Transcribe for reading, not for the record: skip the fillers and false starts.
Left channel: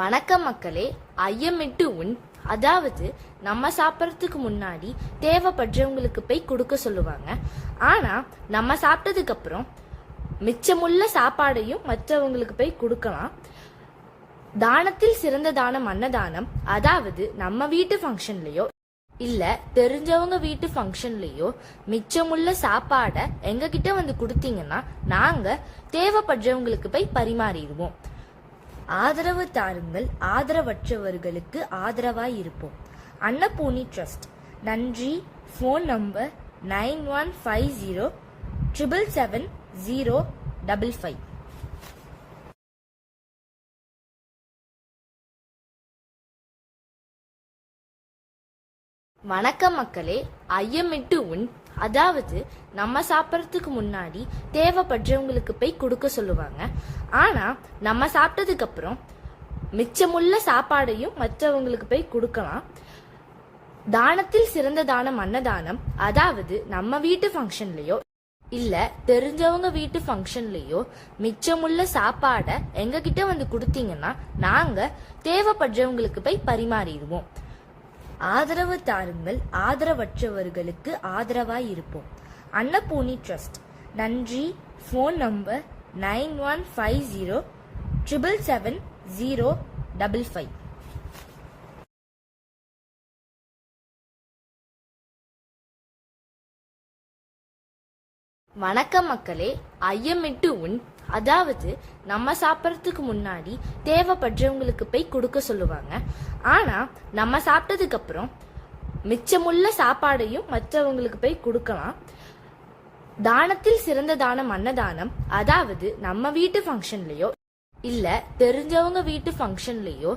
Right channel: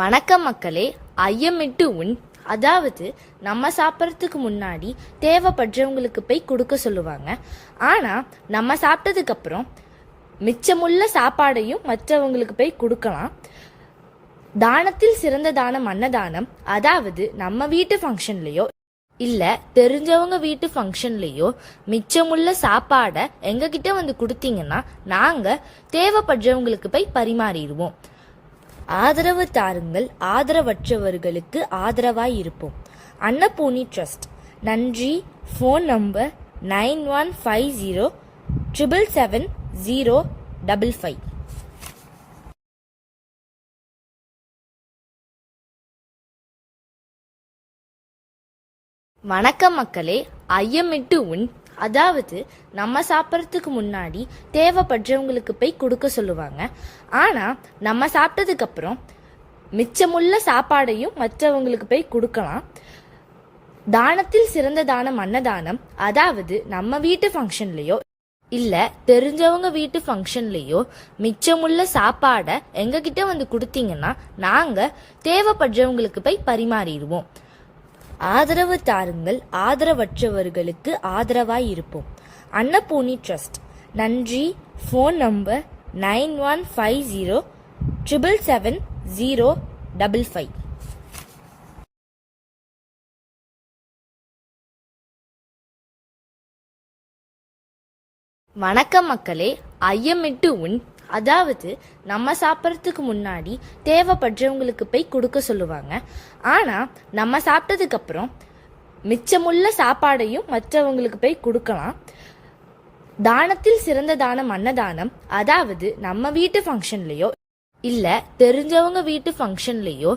வணக்கம் மக்களே. ஐயமிட்டு உண், அதாவது நம்ம சாப்பிட்றதுக்கு முன்னாடி தேவைப்படுறவங்களுக்கு போய் கொடுக்க சொல்லுவாங்க. ஆனா நம்ம சாப்பிட்டதுக்கு அப்புறம் மிச்சமுள்ள சாப்பாடையும் மற்றவங்களுக்கு போய் கொடுக்கலாம். தானத்தில் சிறந்த தானம் அன்னதானம். அதாவது நம்ம வீட்டு ஃபங்க்ஷன்லயோ இல்ல தெரிஞ்சவங்க வீட்டு ஃபங்க்ஷன்லயோ மிச்சமுள்ள சாப்பாடை எங்ககிட்ட வந்து கொடுத்தீங்கன்னா நாங்க தேவைப்படுறவங்களுக்கு போய் பரிமாறிடுவோம். ஆதரவு தாருங்கள், ஆதரவற்றவர்களுக்கு ஆதரவாய் இருப்போம். அன்னபூர்ணி ட்ரஸ்ட். நன்றி. Phone number 9150777055. வணக்கம் மக்களே. ஐயமிட்டு உண், அதாவது நம்ம சாப்பிட்றதுக்கு முன்னாடி தேவைப்படுறவங்களுக்கு போய் கொடுக்க சொல்லுவாங்க. ஆனா நம்ம சாப்பிட்டதுக்கு அப்புறம் மிச்சமுள்ள சாப்பாடையும் மற்றவங்களுக்கு போய் கொடுக்கலாம். தானத்தில் சிறந்த தானம் அன்னதானம். அதாவது நம்ம வீட்டு ஃபங்க்ஷன்லயோ இல்ல தெரிஞ்சவங்க வீட்டு ஃபங்க்ஷன்லயோ மிச்சமுள்ள சாப்பாடை எங்ககிட்ட வந்து கொடுத்தீங்கன்னா நாங்க தேவைப்படுறவங்களுக்கு போய் பரிமாறிடுவோம். ஆதரவு தாருங்கள், ஆதரவற்றவர்களுக்கு ஆதரவாய் இருப்போம். அன்னபூர்ணி ட்ரஸ்ட். நன்றி. Phone number 9150777055. வணக்கம் மக்களே. ஐயமிட்டு உண், அதாவது நம்ம சாப்பிட்றதுக்கு முன்னாடி தேவைப்படுறவங்களுக்கு போய் கொடுக்க சொல்லுவாங்க. ஆனா நம்ம சாப்பிட்டதுக்கு அப்புறம் மிச்சமுள்ள சாப்பாடையும் மற்றவங்களுக்கு போய் கொடுக்கலாம். தானத்தில் சிறந்த தானம் அன்னதானம். அதாவது நம்ம வீட்டு ஃபங்க்ஷன்லயோ இல்ல தெரிஞ்சவங்க வீட்டு ஃபங்க்ஷன்லயோ